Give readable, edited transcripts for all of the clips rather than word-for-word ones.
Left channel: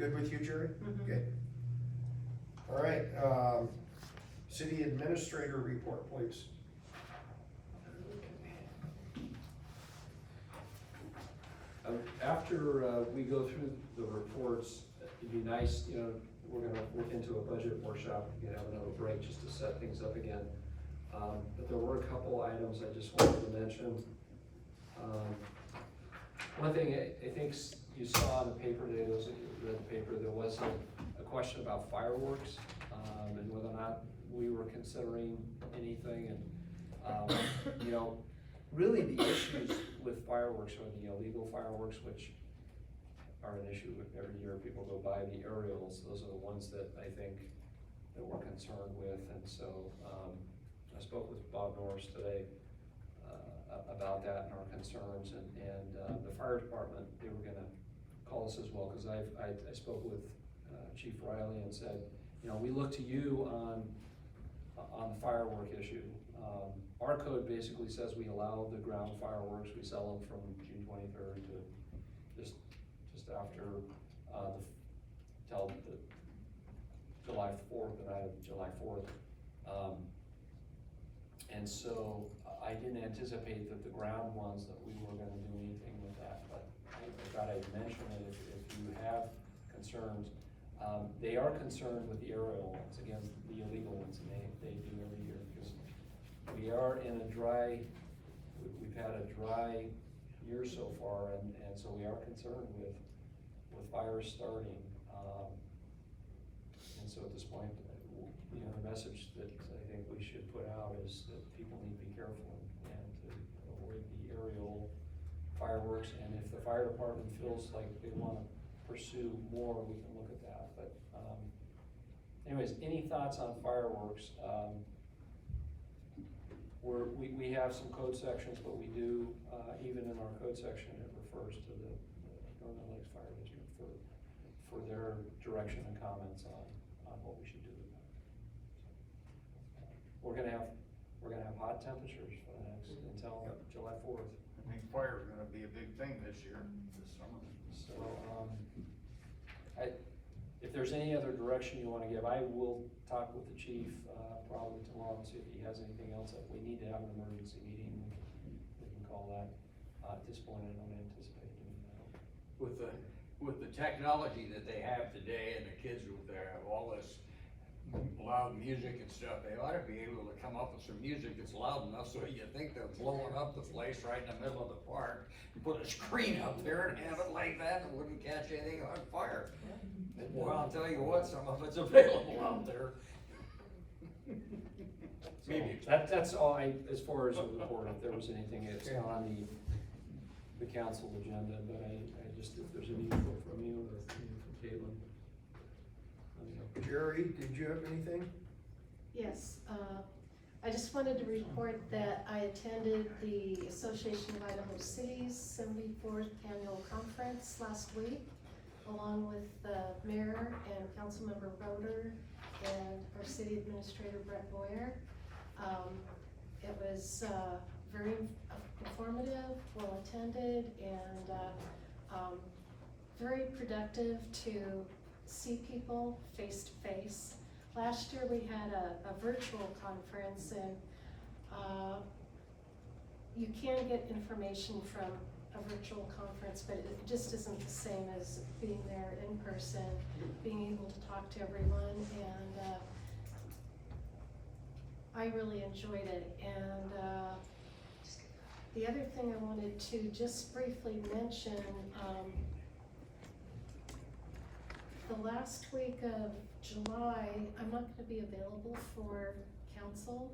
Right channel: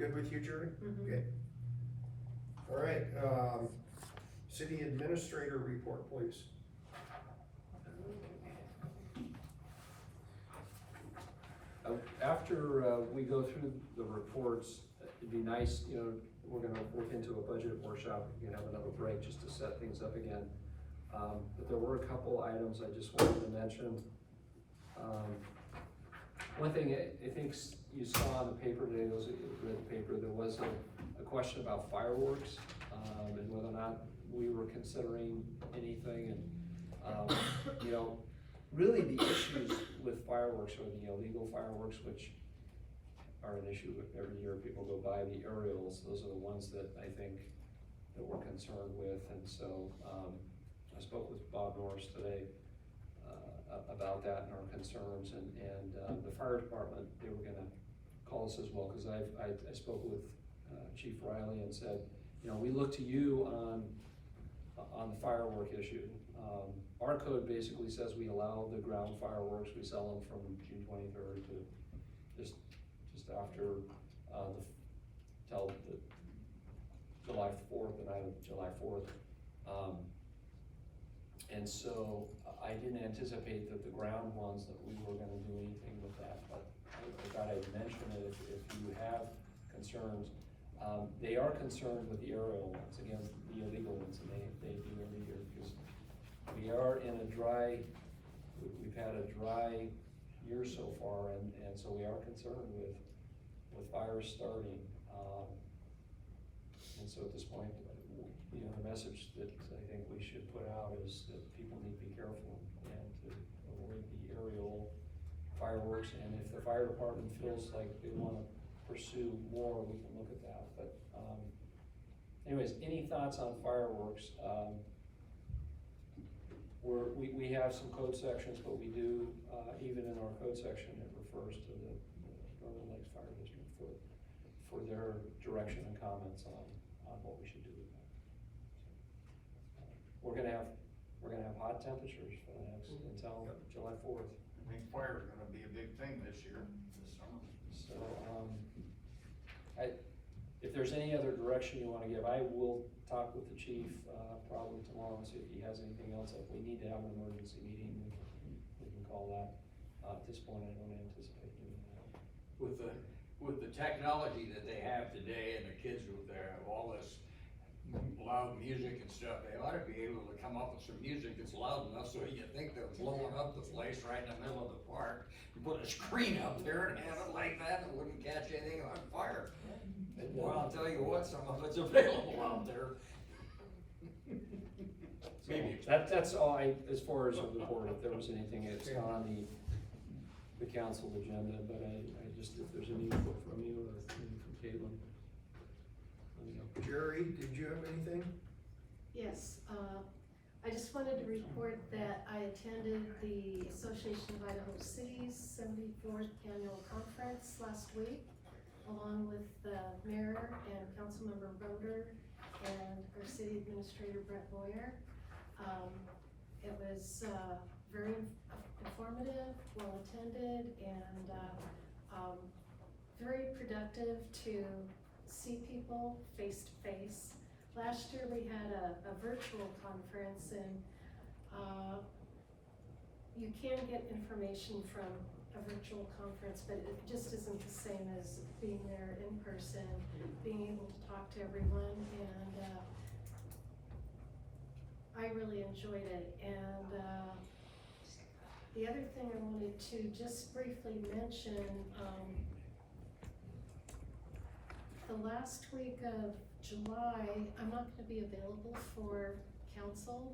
Good with you, Jerry? Mhm. Okay. All right, city administrator report, please. After we go through the reports, it'd be nice, you know, we're gonna look into a budget workshop, we can have another break just to set things up again. But there were a couple items I just wanted to mention. One thing I think you saw in the paper today, those of you who read the paper, there was a question about fireworks, and whether or not we were considering anything, and, you know, really the issues with fireworks are the illegal fireworks, which are an issue every year. People go by the aerials, those are the ones that I think that we're concerned with, and so, I spoke with Bob Norris today, about that and our concerns, and the fire department, they were gonna call us as well, cause I spoke with, Chief Riley and said, you know, we look to you on the firework issue. Our code basically says we allow the ground fireworks, we sell them from June 23rd to just after, till the July 4th, the night of July 4th. And so I didn't anticipate that the ground ones that we were gonna do anything with that, but I thought I'd mention it if you have concerns. They are concerned with the aerial ones, again, the illegal ones, and they do every year, because we are in a dry, we've had a dry year so far, and so we are concerned with fires starting. And so at this point, you know, the message that I think we should put out is that people need to be careful and to avoid the aerial fireworks, and if the fire department feels like they wanna pursue more, we can look at that, but, anyways, any thoughts on fireworks? We have some code sections, but we do, even in our code section, it refers to the Northern Lakes Fire District for their direction and comments on what we should do with that. We're gonna have hot temperatures for the next, until July 4th. I think fire's gonna be a big thing this year, this summer. So, if there's any other direction you wanna give, I will talk with the chief, probably tomorrow and see if he has anything else. If we need to have an emergency meeting, we can call that. At this point, I don't anticipate doing that. With the technology that they have today and the kids with their, all this loud music and stuff, they ought to be able to come up with some music that's loud enough so you think they're blowing up the place right in the middle of the park. You put a screen up there and have it like that, it wouldn't catch anything on fire. Well, I'll tell you what, some of it's available out there. So that's all as far as the report, if there was anything, it's not on the council agenda, but I just, if there's any input from you or from Caitlin. Let me know. Jerry, did you have anything? Yes, I just wanted to report that I attended the Association of Idaho Cities 74th Annual Conference last week, along with the mayor and councilmember Roder and our city administrator Brett Boyer. It was very informative, well attended, and very productive to see people face to face. Last year we had a virtual conference, and you can get information from a virtual conference, but it just isn't the same as being there in person, being able to talk to everyone, and I really enjoyed it. And the other thing I wanted to just briefly mention, the last week of July, I'm not gonna be available for council,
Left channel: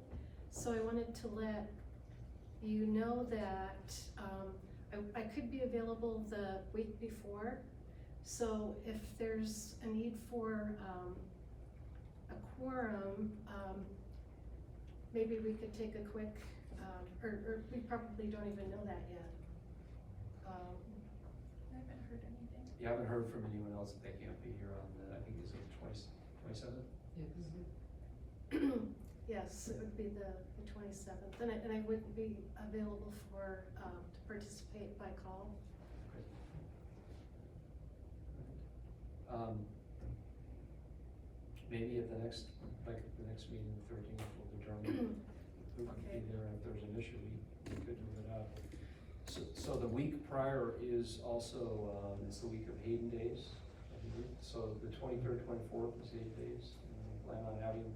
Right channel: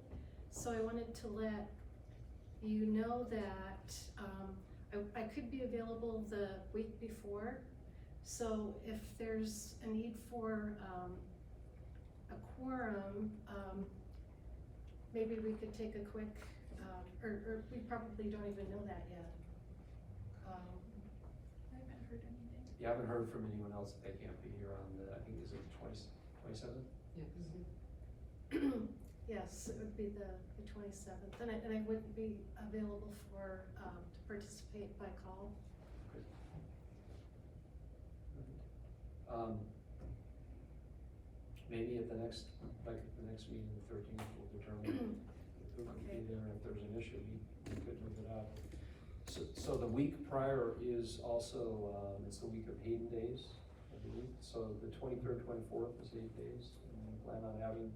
so I wanted to let you know that I could be available the week before. So if there's a need for a quorum, maybe we could take a quick, or we probably don't even know that yet. I haven't heard anything. You haven't heard from anyone else that they can't be here on the, I think is it 27th? Yes, it would be the 27th, and I wouldn't be available for, to participate by call. Maybe at the next, like, the next meeting, the 13th, we'll determine who can be Okay. there, and if there's an issue, we could move it up. So the week prior is also, it's the week of Hayden days, I believe. So the 23rd, 24th is 8 days, and we plan on having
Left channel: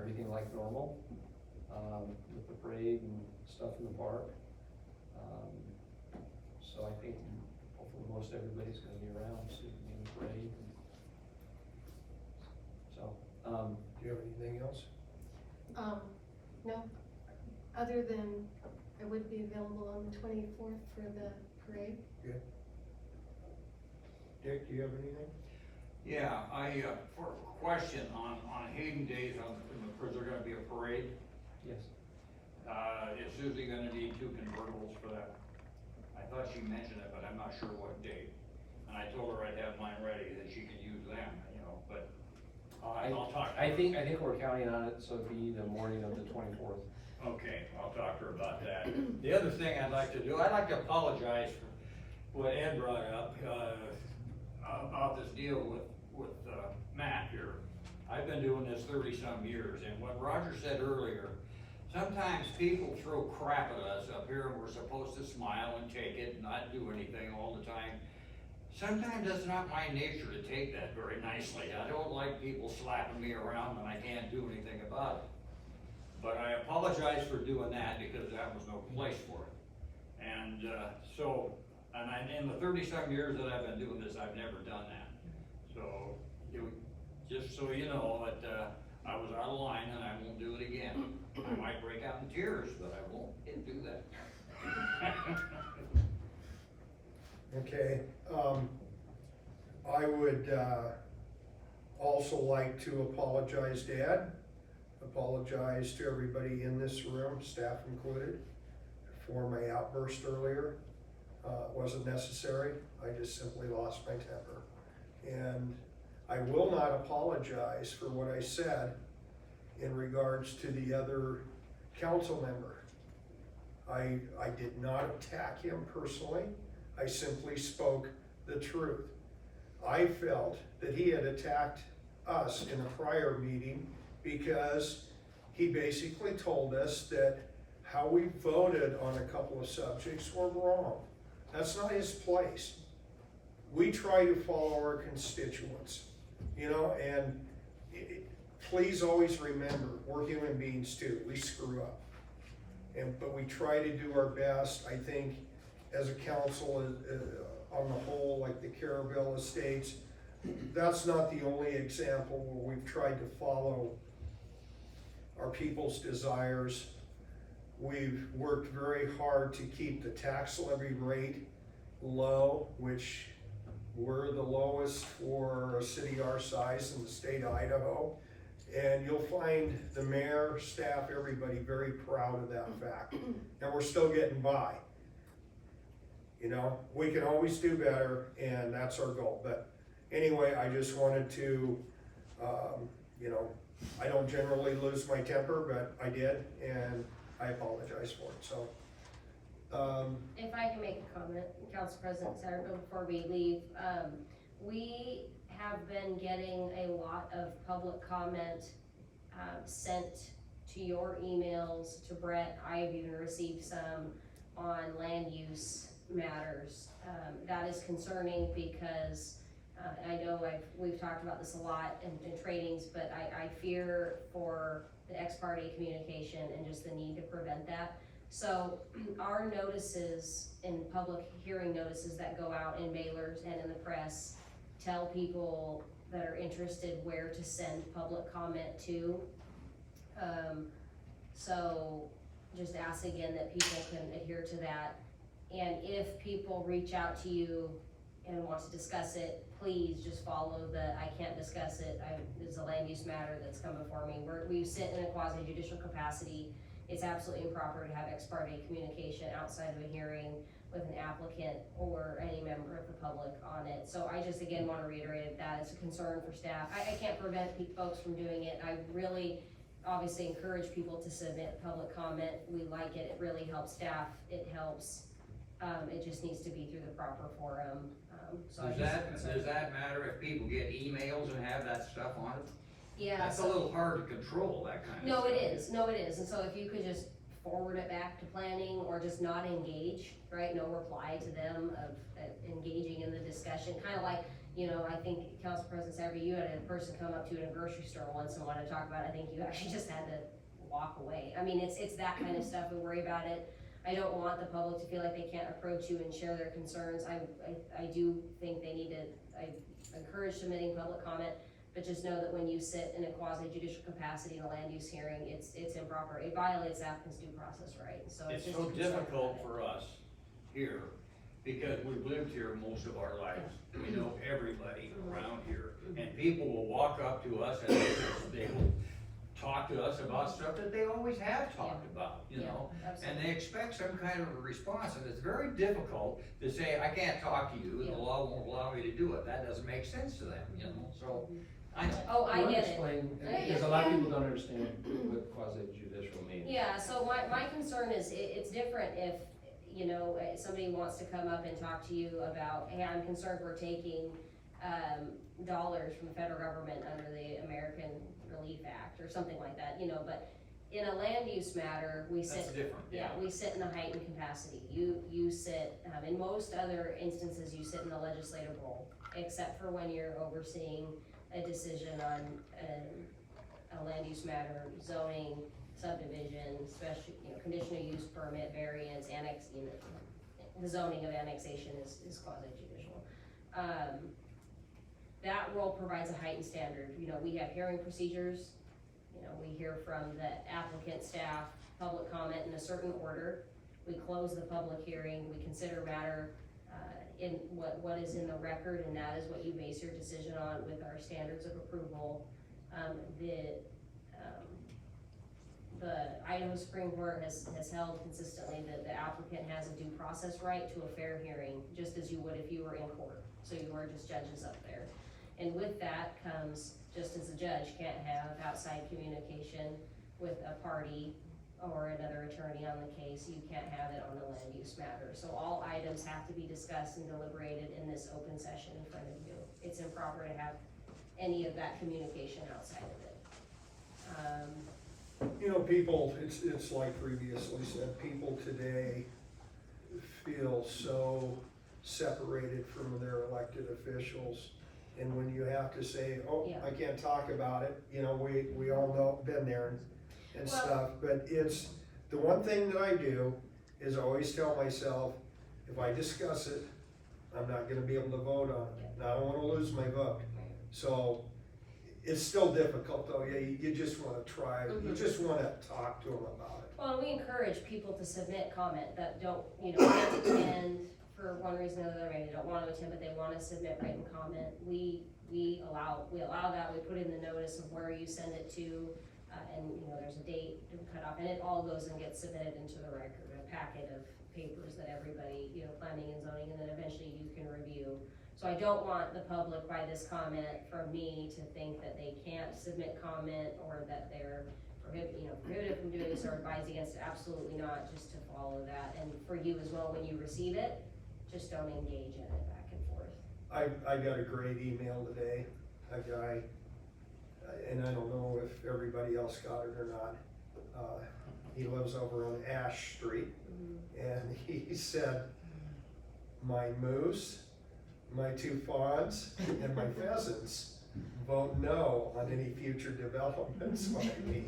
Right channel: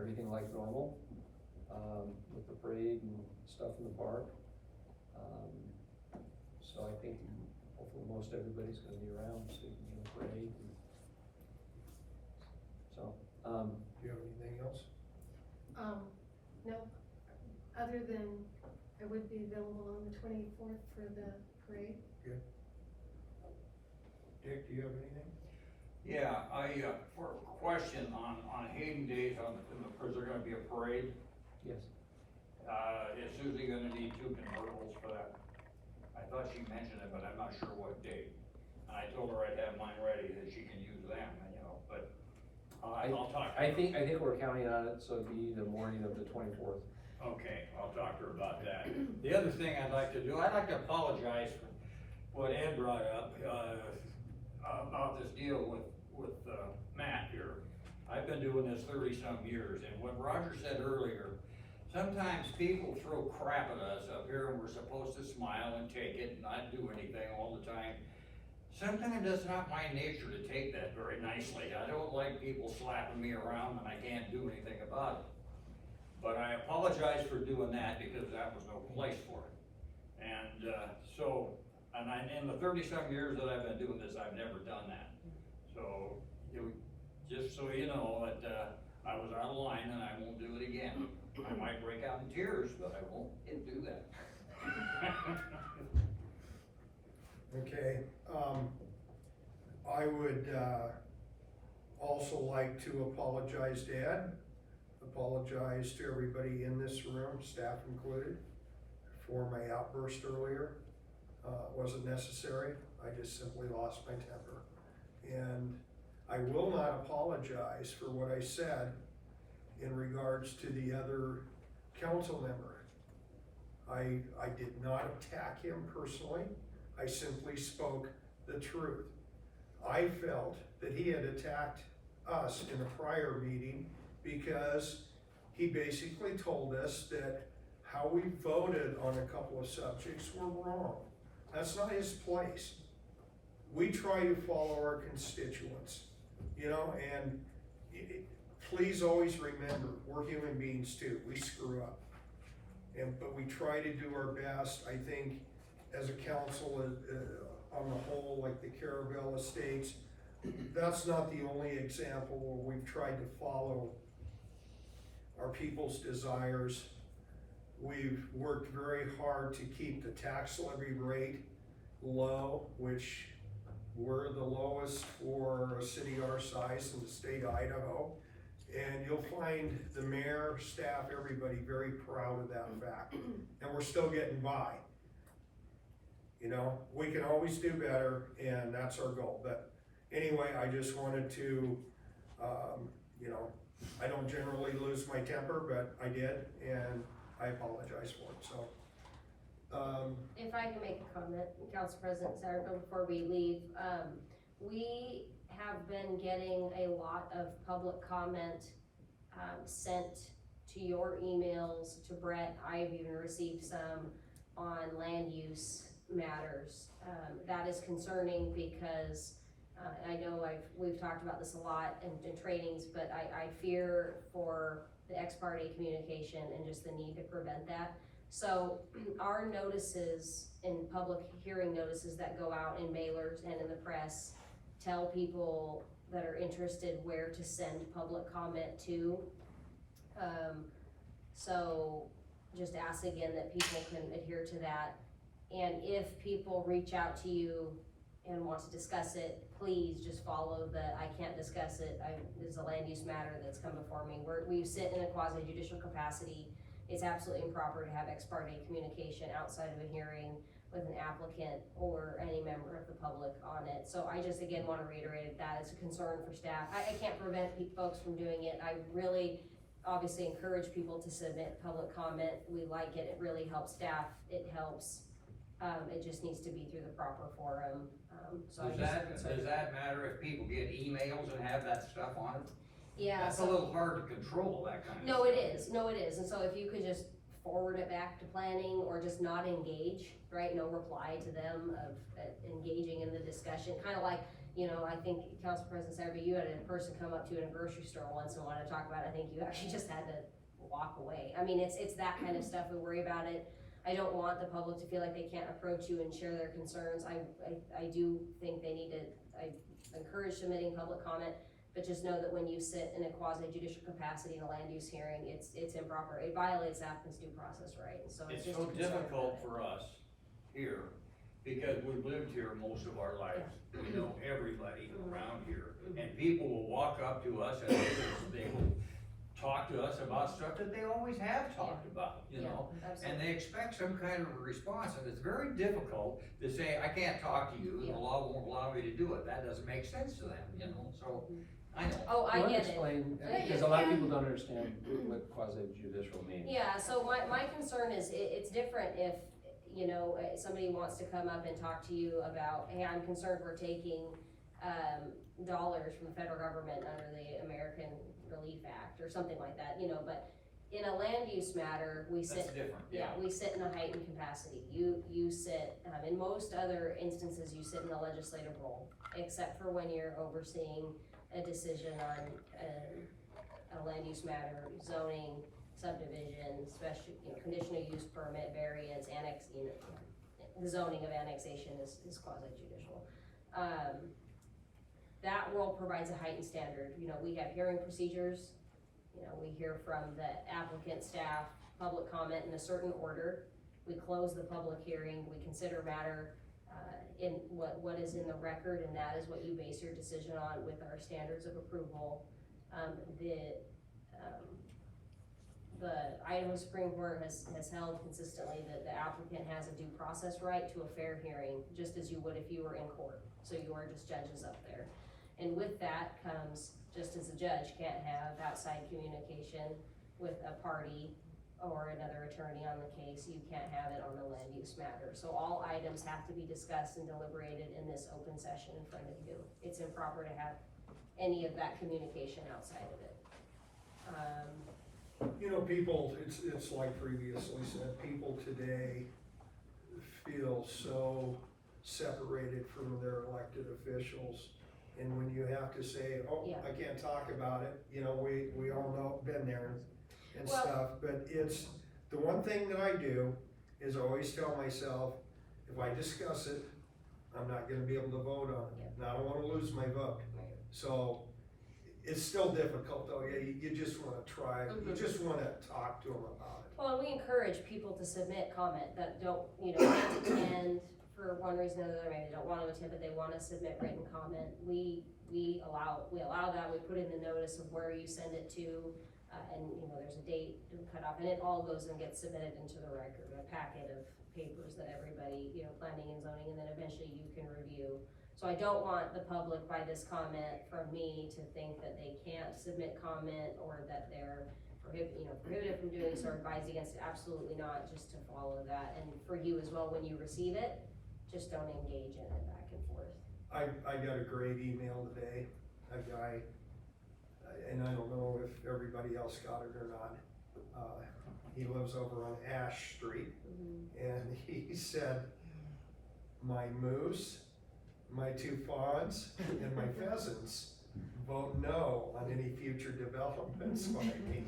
everything like normal, with the parade and stuff in the park. So I think hopefully most everybody's gonna be around, so you can be in the parade. So, Do you have anything else? No, other than I would be available on the 24th for the parade. Dick, do you have anything? Yeah, for a question on Hayden Days, is there gonna be a parade? yes. Is Susie gonna need 2 convertibles for that? I thought she mentioned it, but I'm not sure what date. And I told her I'd have mine ready, that she can use them, you know, but, I'll talk to her. I think we're counting on it, so it'd be the morning of the 24th. Okay, I'll talk to her about that. The other thing I'd like to do, I'd like to apologize for what Ed brought up, about this deal with Matt here. I've been doing this 30-some years, and what Roger said earlier, sometimes people throw crap at us up here, and we're supposed to smile and take it and not do anything all the time. Sometimes that's not my nature to take that very nicely. I don't like people slapping me around and I can't do anything about it. But I apologize for doing that because that was no place for it. And in the 30-some years that I've been doing this, I've never done that. So, just so you know that, I was out of line and I won't do it again. I might break out in tears, but I won't do that. Okay, I would, also like to apologize to Ed, apologize to everybody in this room, staff included, for my outburst earlier. It wasn't necessary, I just simply lost my temper. And I will not apologize for what I said in regards to the other council member. I did not attack him personally, I simply spoke the truth. I felt that he had attacked us in a prior meeting because he basically told us that how we voted on a couple of subjects were wrong. That's not his place. We try to follow our constituents, you know, and please always remember, we're human beings too, we screw up. But we try to do our best. I think as a council, on the whole, like the Caravelle Estates, that's not the only example where we've tried to follow our people's desires. We've worked very hard to keep the tax levy rate low, which we're the lowest for a city our size in the state of Idaho. And you'll find the mayor, staff, everybody very proud of that fact. And we're still getting by. You know, we can always do better, and that's our goal. But anyway, I just wanted to, you know, I don't generally lose my temper, but I did, and I apologize for it, so. If I can make a comment, Council President Sarah, before we leave, we have been getting a lot of public comment sent to your emails, to Brett. I've even received some on land use matters. That is concerning because I know we've talked about this a lot in trainings, but I fear for the ex parte communication and just the need to prevent that. So our notices and public hearing notices that go out in mailers and in the press tell people that are interested where to send public comment to. So just ask again that people can adhere to that. And if people reach out to you and want to discuss it, please just follow I can't discuss it. It's a land use matter that's come before me. We sit in a quasi judicial capacity. It's absolutely improper to have ex parte communication outside of a hearing with an applicant or any member of the public on it. So I just again want to reiterate that it's a concern for staff. I can't prevent folks from doing it. I really obviously encourage people to submit public comment. We like it. It really helps staff. It helps It just needs to be through the proper forum, so I Does just. that matter if people get emails and have that stuff on it? Yeah. That's a so- little hard to control, that kind of No, stuff. it is, and so if you could just forward it back to planning, or just not engage, right, no reply to them of engaging in the discussion, kinda like, you know, I think Council President Saber, you had a person come up to you in a grocery store once and wanted to talk about it, I think you actually just had to walk away. I mean, it's that kind of stuff, we worry about it. I don't want the public to feel like they can't approach you and share their concerns. I do think they need to, I encourage submitting public comment, but just know that when you sit in a quasi judicial capacity in a land use hearing, it's improper. It violates the applicant's due process right, so It's just so a concern difficult about it. for us here, because we've lived here most of our lives. We know everybody around here, and people will walk up to us and they will talk to us about stuff that they always have talked about, you know? And Absolutely. they expect some kind of a response, and it's very difficult to say, I can't talk to you, and the law won't allow me to do it. That doesn't make sense to them, you know, so, I know. Oh, I You wanna get it. explain, I get because a it. lot of people don't understand what quasi judicial means. Yeah, so my concern is, it's different if, you know, somebody wants to come up and talk to you about, hey, I'm concerned we're taking, dollars from the federal government under the American Relief Act, or something like that, you know, but in a land use matter, we sit. That's different, yeah. We sit in a heightened capacity. You sit, in most other instances, you sit in the legislative role, except for when you're overseeing a decision on a land use matter, zoning, subdivision, special, you know, conditional use permit, variance, you know, the zoning of annexation is quasi judicial. That role provides a heightened standard. You know, we have hearing procedures. You know, we hear from the applicant, staff, public comment in a certain order. We close the public hearing, we consider matter, in what is in the record, and that is what you base your decision on with our standards of approval. The Idaho Supreme Court has held consistently that the applicant has a due process right to a fair hearing, just as you would if you were in court, so you are just judges up there. And with that comes, just as a judge can't have outside communication with a party or another attorney on the case, you can't have it on the land use matter. So all items have to be discussed and deliberated in this open session in front of you. It's improper to have any of that communication outside of it. You know, people, it's like previously said, people today feel so separated from their elected officials. And when you have to say, oh, Yeah. I can't talk about it, you know, we all know, been there and Well- stuff, but it's, the one thing that I do is always tell myself, if I discuss it, I'm not gonna be able to vote on it, and I don't wanna lose my vote. So, it's still difficult though, yeah, you just wanna try, you just wanna talk to them about it. Well, we encourage people to submit comment that don't, you know, can't attend for one reason or another, maybe they don't want to attend, but they want to submit written comment. We allow that, we put in the notice of where you send it to, and, you know, there's a date to cut off, and it all goes and gets submitted into the record, a packet of papers that everybody, you know, planning and zoning, and then eventually you can review. So I don't want the public by this comment from me to think that they can't submit comment, or that they're prohibited from doing so, or advised against it. Absolutely not, just to follow that. And for you as well, when you receive it, just don't engage in it back and forth. I got a great email today, a guy, and I don't know if everybody else got it or not. He lives over on Ash Street, and he said, my moose, my 2 fawns, and my pheasants vote no on any future developments by me,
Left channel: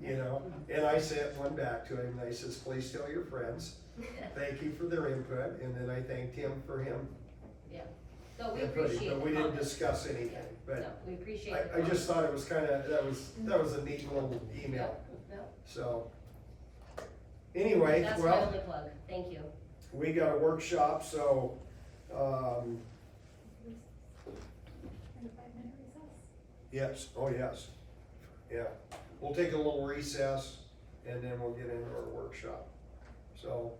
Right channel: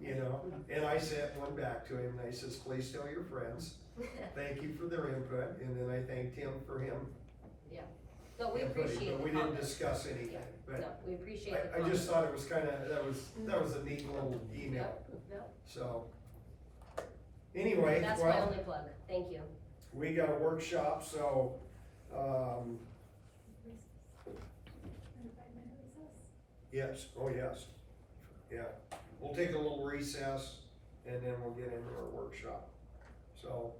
you know? And I sent one back to him, and I says, please tell your friends, thank you for their input, and then I thanked him for him. No, we inputting, appreciate but the we didn't comments. discuss anything, No, but we appreciate the I comments. just thought it was kinda, that was a neat little email, No, so. Anyway, that's my well, only plug, thank you. we got a workshop, so, 5-minute recess. yes, oh yes, yeah. We'll take a little recess, and then we'll get into our workshop, so.